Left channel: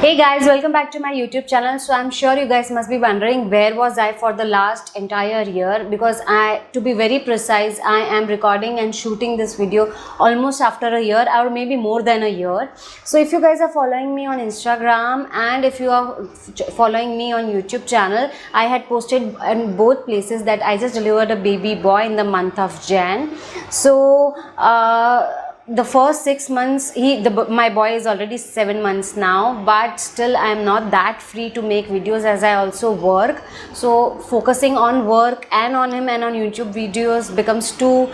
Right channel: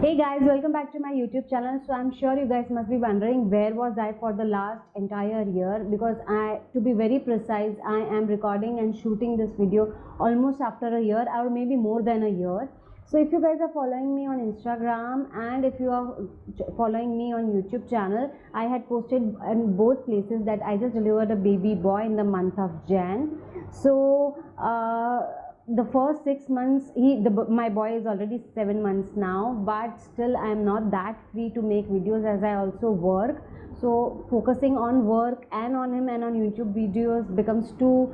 Hey guys, welcome back to my YouTube channel. So I'm sure you guys must be wondering where was I for the last entire year, because to be very precise, I am recording and shooting this video almost after a year or maybe more than a year. So if you guys are following me on Instagram and if you are following me on YouTube channel, I had posted in both places that I just delivered a baby boy in the month of Jan. So the first 6 months, my boy is already 7 months now, but still I am not that free to make videos as I also work. So focusing on work and on him and on YouTube videos becomes too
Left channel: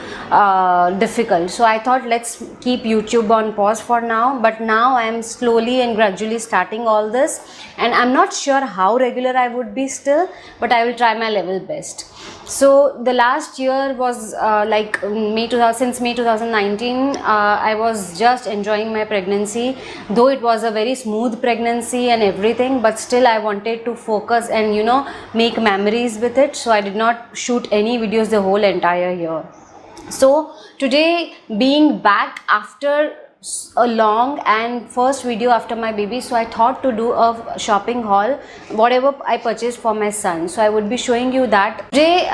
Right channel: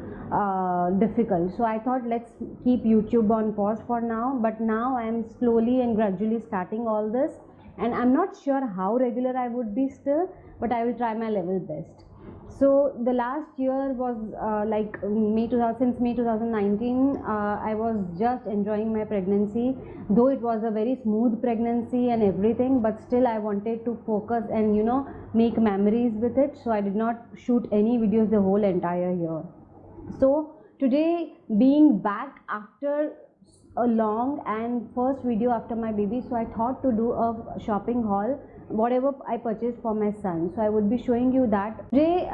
difficult. So I thought let's keep YouTube on pause for now, but now I am slowly and gradually starting all this, and I'm not sure how regular I would be still, but I will try my level best. So the last year was since May 2019, I was just enjoying my pregnancy, though it was a very smooth pregnancy and everything, but still I wanted to focus and make memories with it. So I did not shoot any videos the whole entire year. So today, being back after a long and first video after my baby, so I thought to do a shopping haul, whatever I purchased for my son. So I would be showing you that today,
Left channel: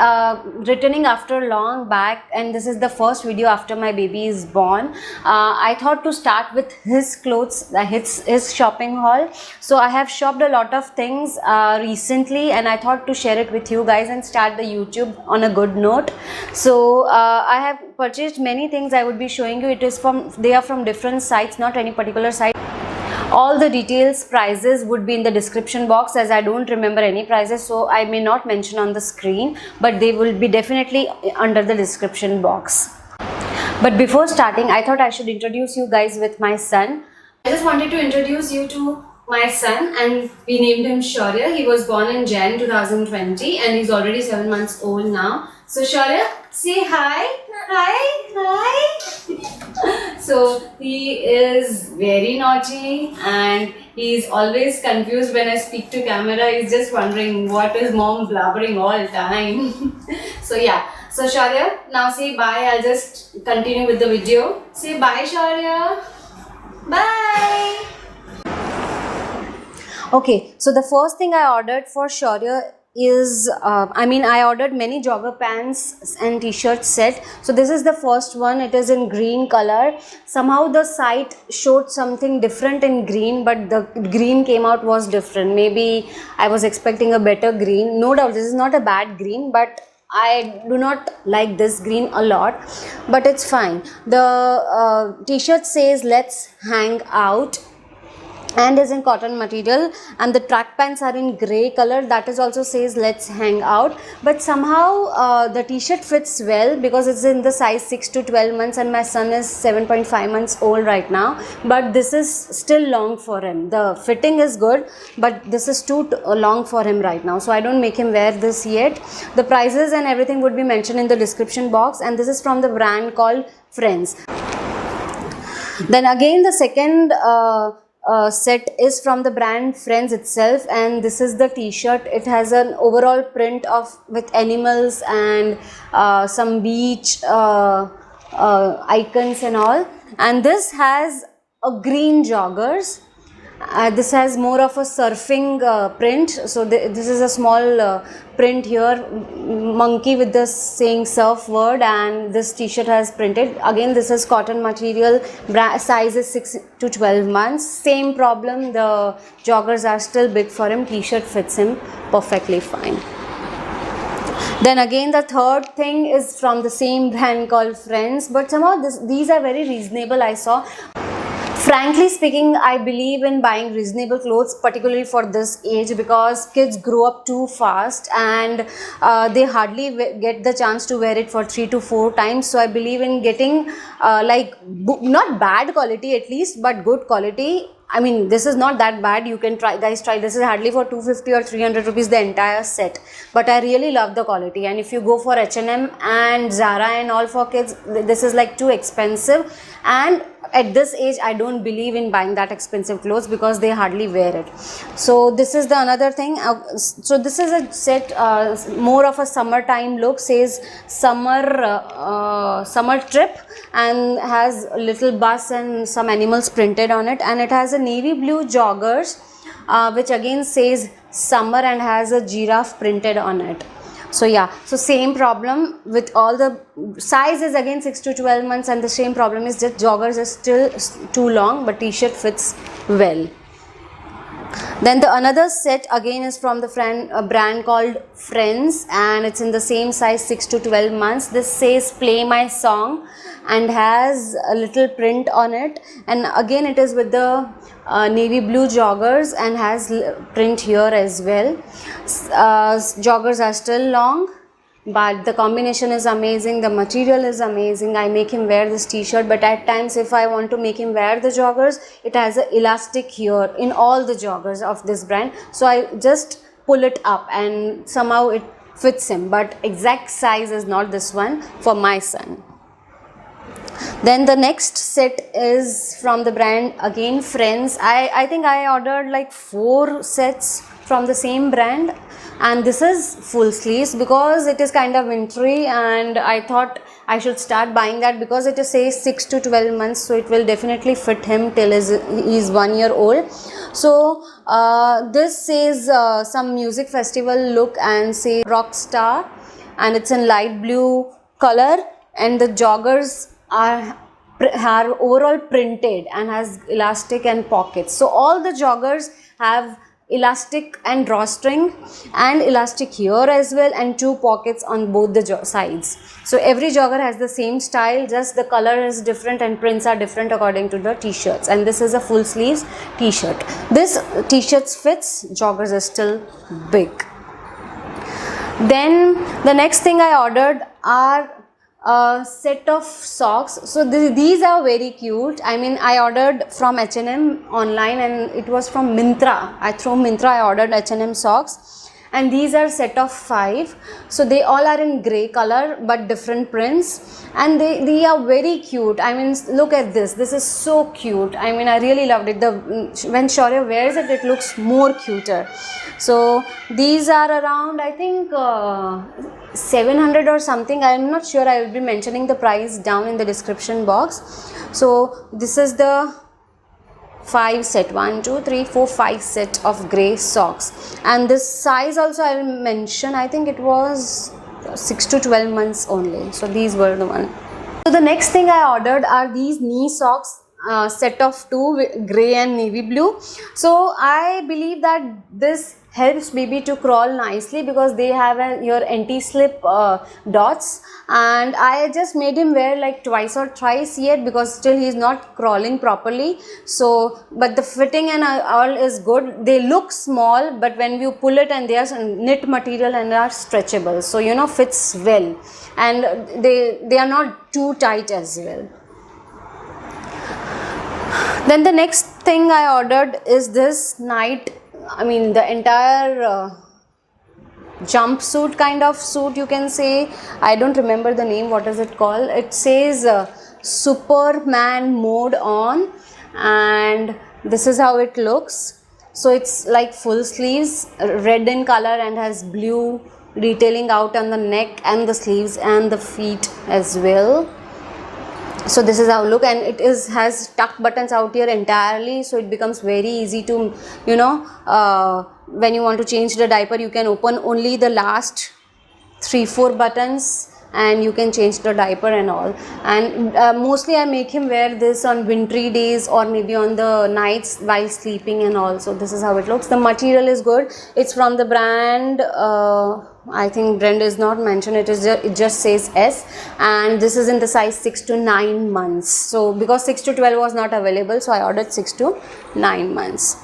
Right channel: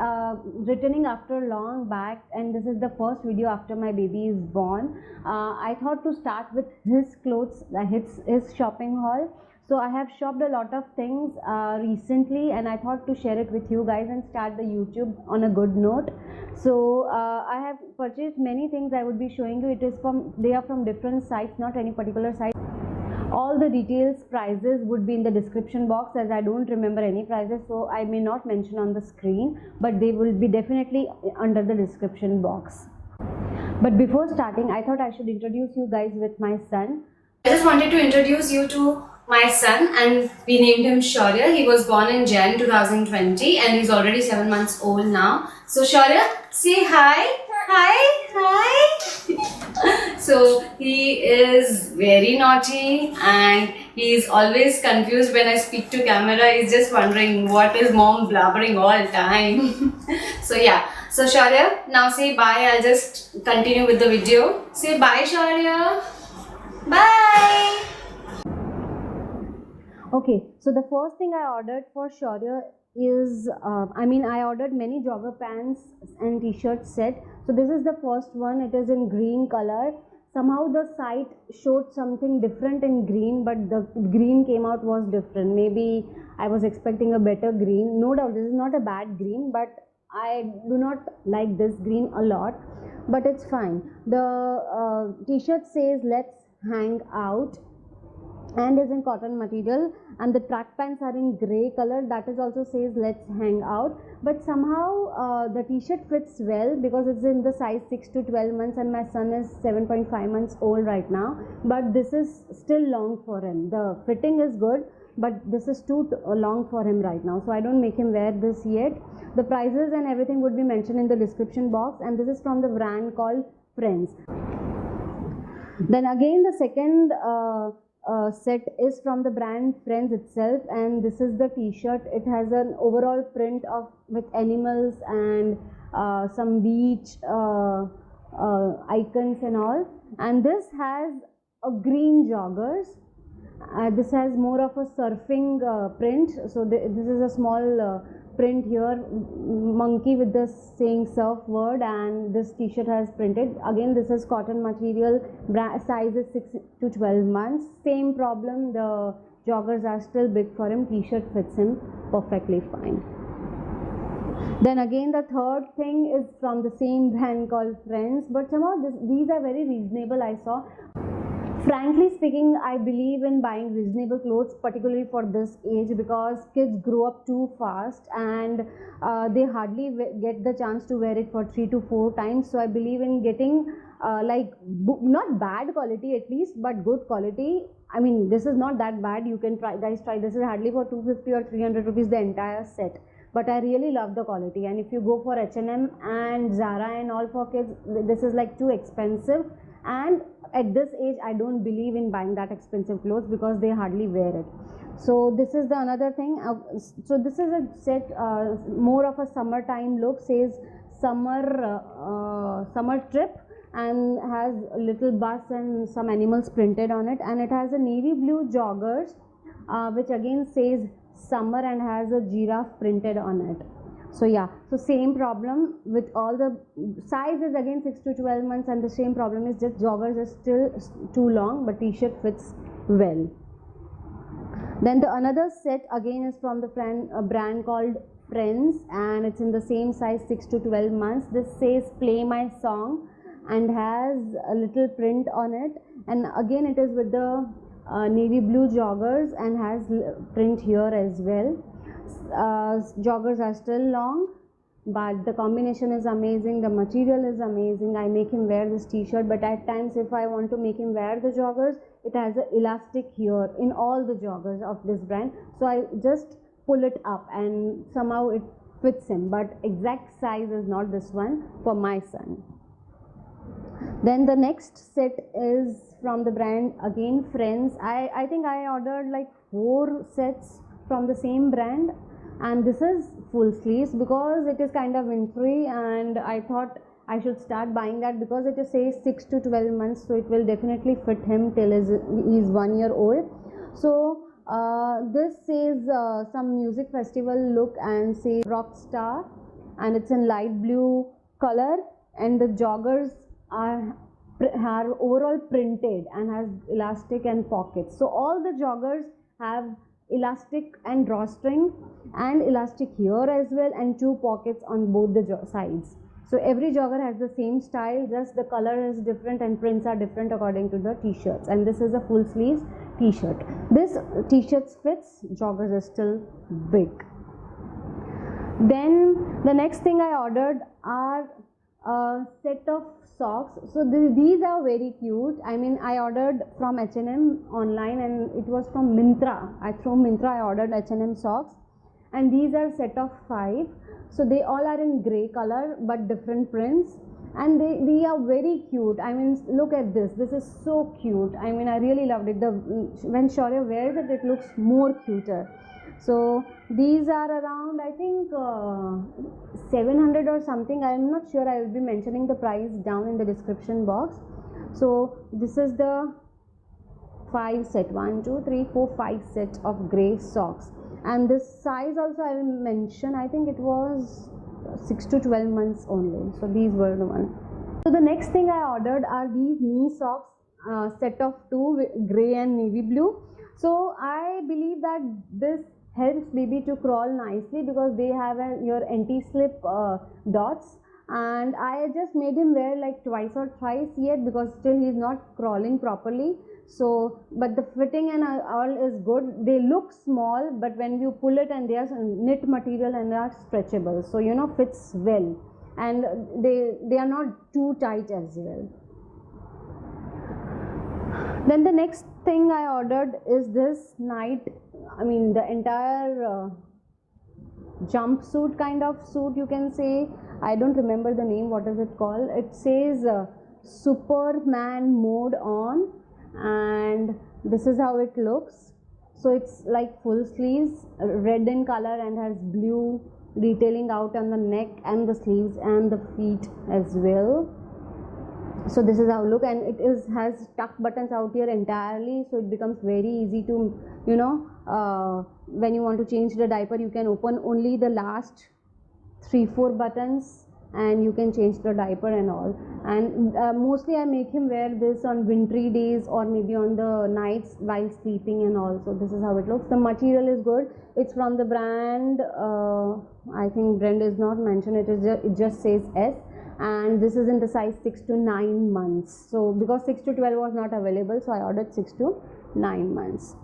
returning after long back, and this is the first video after my baby is born. I thought to start with his clothes, his shopping haul. So I have shopped a lot of things recently, and I thought to share it with you guys and start the YouTube on a good note. So I have purchased many things. I would be showing you. They are from different sites, not any particular site. All the details, prices would be in the description box, as I don't remember any prices, so I may not mention on the screen, but they will be definitely under the description box. But before starting, I thought I should introduce you guys with my son. I just wanted to introduce you to my son, and we named him Shaurya. He was born in Jan 2020 and he's already 7 months old now. So Shaurya, say hi. Hi. So he is very naughty and he's always confused when I speak to camera. He's just wondering what is mom blabbering all time. So yeah. So Shaurya, now say bye. I'll just continue with the video. Say bye, Shaurya. Bye. Okay, so the first thing I ordered for Shaurya is, I ordered many jogger pants and t-shirt set. So this is the first one. It is in green color. Somehow the site showed something different in green, but the green came out was different. Maybe I was expecting a better green. No doubt this is not a bad green, but I do not like this green a lot, but it's fine. The t-shirt says let's hang out and is in cotton material, and the track pants are in gray color. That is also says let's hang out, but somehow the t-shirt fits well because it's in the size 6 to 12 months and my son is 7.5 months old right now, but this is still long for him. The fitting is good, but this is too long for him right now, so I don't make him wear this yet. The prices and everything would be mentioned in the description box, and this is from the brand called Friends. Then again, the second set is from the brand Friends itself, and this is the t-shirt. It has an overall print with animals and some beach icons and all, and this has a green joggers. This has more of a surfing print. So this is a small print here, monkey with the saying surf word, and this t-shirt has printed. Again, this is cotton material, size is 6 to 12 months. Same problem, the joggers are still big for him. T-shirt fits him perfectly fine. Then again, the third thing is from the same brand called Friends, but somehow these are very reasonable, I saw. Frankly speaking, I believe in buying reasonable clothes, particularly for this age, because kids grow up too fast and they hardly get the chance to wear it for 3 to 4 times. So I believe in getting not bad quality at least, but good quality. I mean, this is not that bad. You can try, guys, try. This is hardly for 250 or 300 rupees the entire set, but I really love the quality. And if you go for H&M and Zara and all for kids, this is like too expensive, and at this age I don't believe in buying that expensive clothes because they hardly wear it. So this is the another thing. So this is a set, more of a summertime look, says summer trip, and has a little bus and some animals printed on it, and it has a navy blue joggers which again says summer and has a giraffe printed on it. So yeah, so same problem with all the size is again 6 to 12 months, and the same problem is just joggers are still too long, but t-shirt fits well. Then the another set again is from the brand called Friends, and it's in the same size 6 to 12 months. This says play my song and has a little print on it, and again it is with the navy blue joggers and has print here as well. Joggers are still long, but the combination is amazing, the material is amazing. I make him wear this t-shirt, but at times if I want to make him wear the joggers, it has an elastic here in all the joggers of this brand, so I just pull it up and somehow it fits him, but exact size is not this one for my son. Then the next set is from the brand again Friends. I think I ordered like 4 sets from the same brand, and this is full sleeves because it is kind of wintry, and I thought I should start buying that because it says 6 to 12 months, so it will definitely fit him till he is 1 year old. So this says some music festival look and say rock star, and it's in light blue color, and the joggers are overall printed and has elastic and pockets. So all the joggers have elastic and drawstring and elastic here as well, and 2 pockets on both the sides. So every jogger has the same style, just the color is different and prints are different according to the t-shirts, and this is a full sleeves t-shirt. This t-shirts fits, joggers are still big. Then the next thing I ordered are a set of socks. So these are very cute. I mean, I ordered from H&M online, and it was from Myntra. Through Myntra I ordered H&M socks, and these are set of 5. So they all are in grey color but different prints, and they are very cute. I mean, look at this is so cute. I mean, I really loved it. When Shaurya wears it, it looks more cuter. So these are around, I think 700 or something. I am not sure. I will be mentioning the price down in the description box. So this is the 5 set, 1 2 3 4 5 set of grey socks, and this size also I will mention. I think it was 6 to 12 months only. So these were the one. So the next thing I ordered are these knee socks, set of 2 with grey and navy blue. So I believe that this helps baby to crawl nicely because they have your anti-slip dots, and I just made him wear like twice or thrice yet because still he is not crawling properly. So but the fitting and all is good. They look small, but when you pull it, and they are knit material and are stretchable, so you know, fits well, and they are not too tight as well. Then the next thing I ordered is this the entire jumpsuit kind of suit, you can say. I don't remember the name. What is it called? It says Superman mode on, and this is how it looks. So it's like full sleeves, red in color, and has blue detailing out on the neck and the sleeves and the feet as well. So this is how it look, and it has tuck buttons out here entirely, so it becomes very easy to, you know, when you want to change the diaper, you can open only the last 3-4 buttons and you can change the diaper and all. And mostly I make him wear this on wintry days or maybe on the nights while sleeping and all. So this is how it looks. The material is good. It's from the brand, I think brand is not mentioned, it just says S, and this is in the size 6 to 9 months. So because 6 to 12 was not available, so I ordered 6 to 9 months.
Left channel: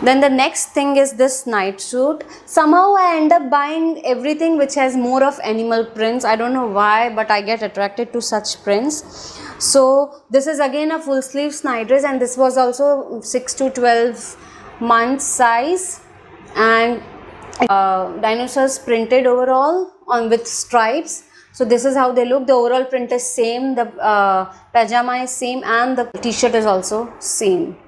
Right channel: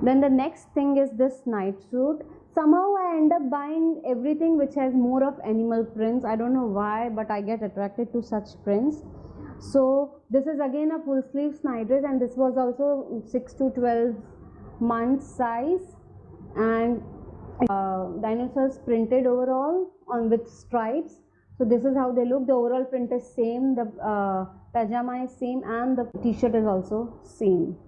Then the next thing is this night suit. Somehow I end up buying everything which has more of animal prints. I don't know why, but I get attracted to such prints. So this is again a full sleeves night dress, and this was also 6 to 12 months size, and dinosaurs printed overall on with stripes. So this is how they look. The overall print is same, the pajama is same, and the t-shirt is also same.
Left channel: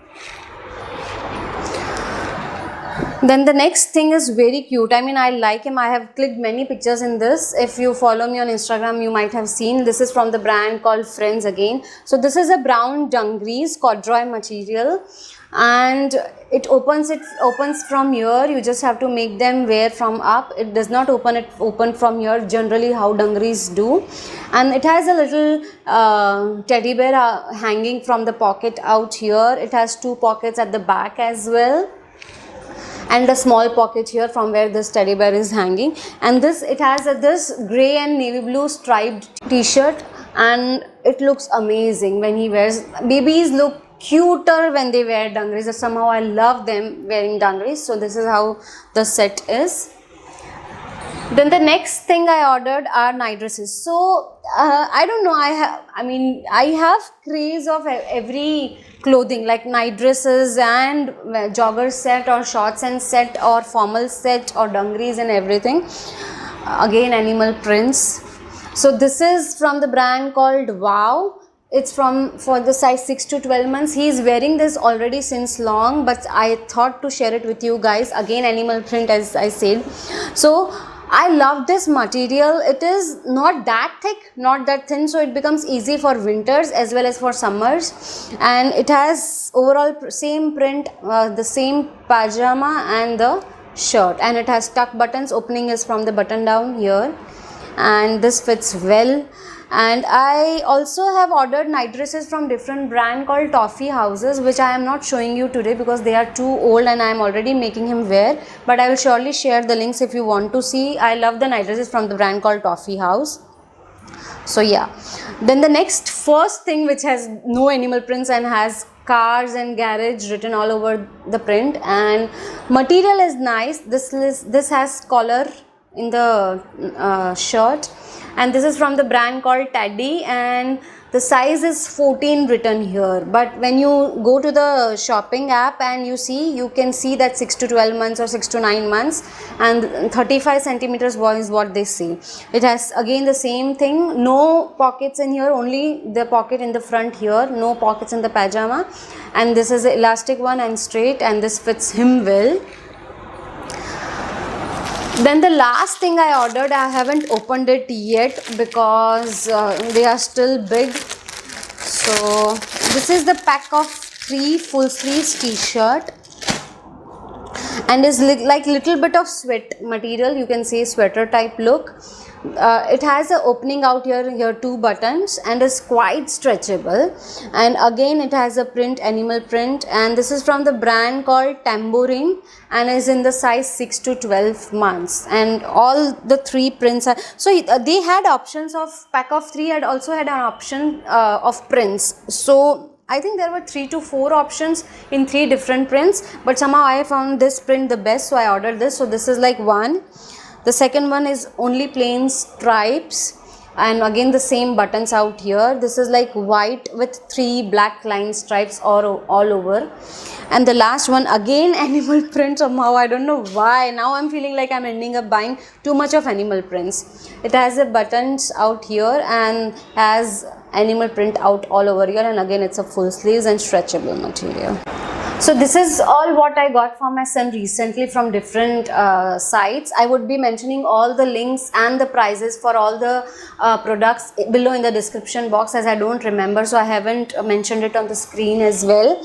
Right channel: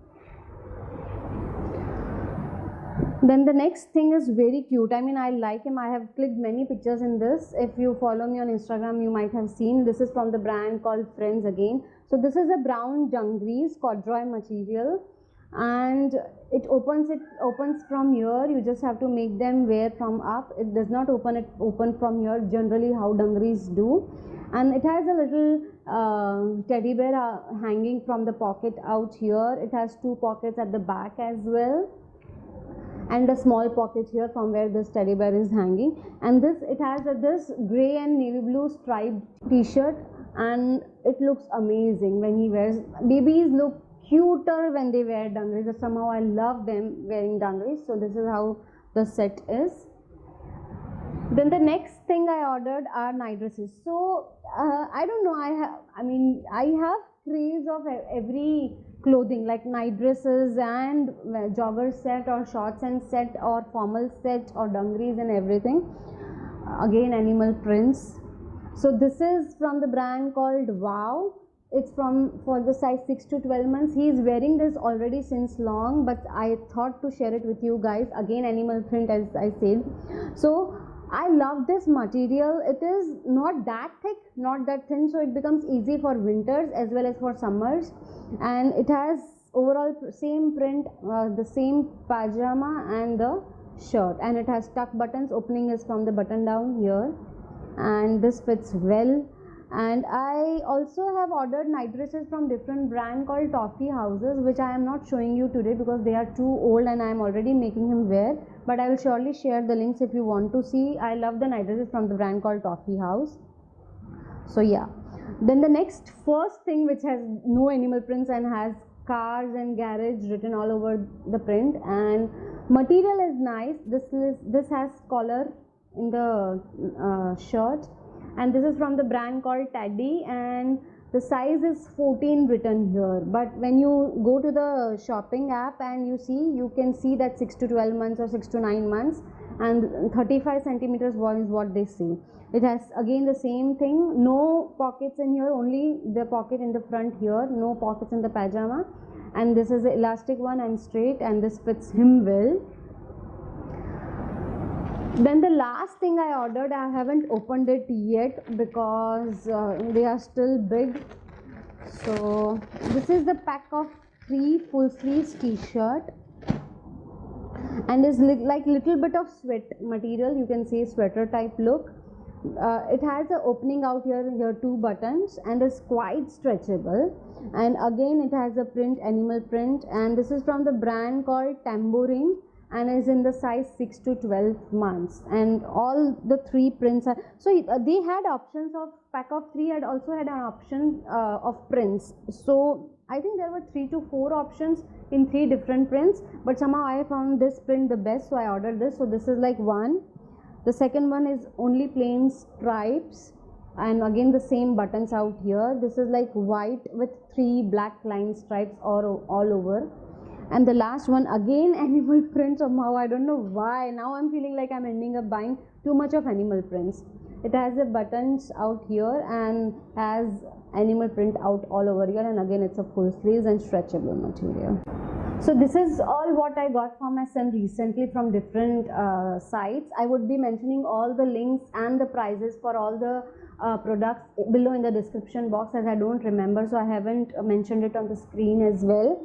Then the next thing is very cute. I mean, I like him. I have clicked many pictures in this. If you follow me on Instagram, you might have seen. This is from the brand called Friends again. So this is a brown dungarees corduroy material, and it opens from here. You just have to make them wear from up. It does not open from here, generally how dungarees do. And it has a little teddy bear hanging from the pocket out here. It has 2 pockets at the back as well, and a small pocket here from where this teddy bear is hanging. And this, it has this grey and navy blue striped t-shirt, and it looks amazing when he wears. Babies look cuter when they wear dungarees. Somehow I love them wearing dungarees. So this is how the set is. Then the next thing I ordered are night dresses. So I don't know, I have craze of every clothing, like night dresses and jogger set or shorts and set or formal set or dungarees and everything. Again, animal prints. So this is from the brand called Wow. It's for the size 6 to 12 months. He is wearing this already since long, but I thought to share it with you guys. Again, animal print, as I said. So I love this material. It is not that thick, not that thin, so it becomes easy for winters as well as for summers. And it has overall same print, the same pajama and the shirt, and it has tuck buttons. Opening is from the button down here, and this fits well. And I also have ordered night dresses from different brand called Toffee Houses, which I am not showing you today because they are too old and I am already making him wear, but I will surely share the links if you want to see. I love the night dresses from the brand called Toffee House. So yeah, then the next first thing, which has no animal prints and has cars and garage written all over the print, and material is nice. This has collar in the shirt, and this is from the brand called Teddy, and the size is 14 written here. But when you go to the shopping app and you can see that 6 to 12 months or 6 to 9 months, and 35 centimeters is what they say. It has again the same thing, no pockets in here, only the pocket in the front here, no pockets in the pajama. And this is the elastic one and straight, and this fits him well. Then the last thing I ordered, I haven't opened it yet because they are still big. So this is the pack of 3 full sleeves t-shirt, and is like little bit of sweat material, you can say sweater type look. It has an opening out here 2 buttons, and is quite stretchable. And again it has a print, animal print, and this is from the brand called Tambourine, and is in the size 6 to 12 months. And all the 3 prints are, so they had options of pack of 3, had also had an option of prints. So I think there were 3 to 4 options in 3 different prints, but somehow I found this print the best, so I ordered this. So this is like one. The second one is only plain stripes, and again the same buttons out here. This is like white with 3 black line stripes all over. And the last one, again animal print. Somehow I don't know why, now I'm feeling like I'm ending up buying too much of animal prints. It has the buttons out here and has animal print out all over here, and again it's a full sleeves and stretchable material. So this is all what I got for my son recently from different sites. I would be mentioning all the links and the prices for all the products below in the description box, as I don't remember, so I haven't mentioned it on the screen as well.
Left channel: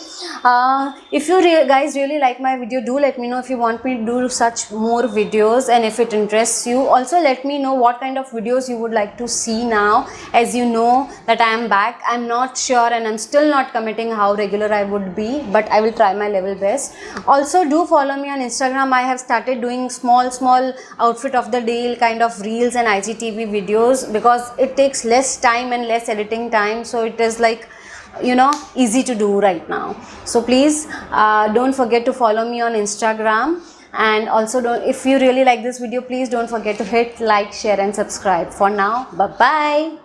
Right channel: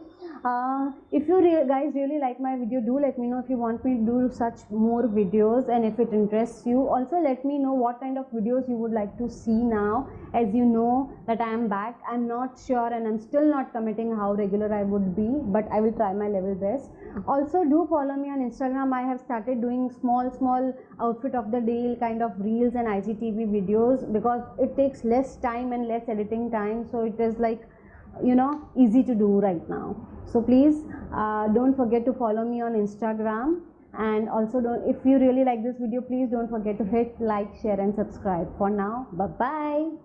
If you guys really like my video, do let me know if you want me to do such more videos, and if it interests you. Also let me know what kind of videos you would like to see now, as you know that I am back. I'm not sure and I'm still not committing how regular I would be, but I will try my level best. Also do follow me on Instagram. I have started doing small outfit of the day kind of reels and IGTV videos, because it takes less time and less editing time, so it is like, you know, easy to do right now. So please don't forget to follow me on Instagram, and also if you really like this video, please don't forget to hit like, share and subscribe. For now, bye bye.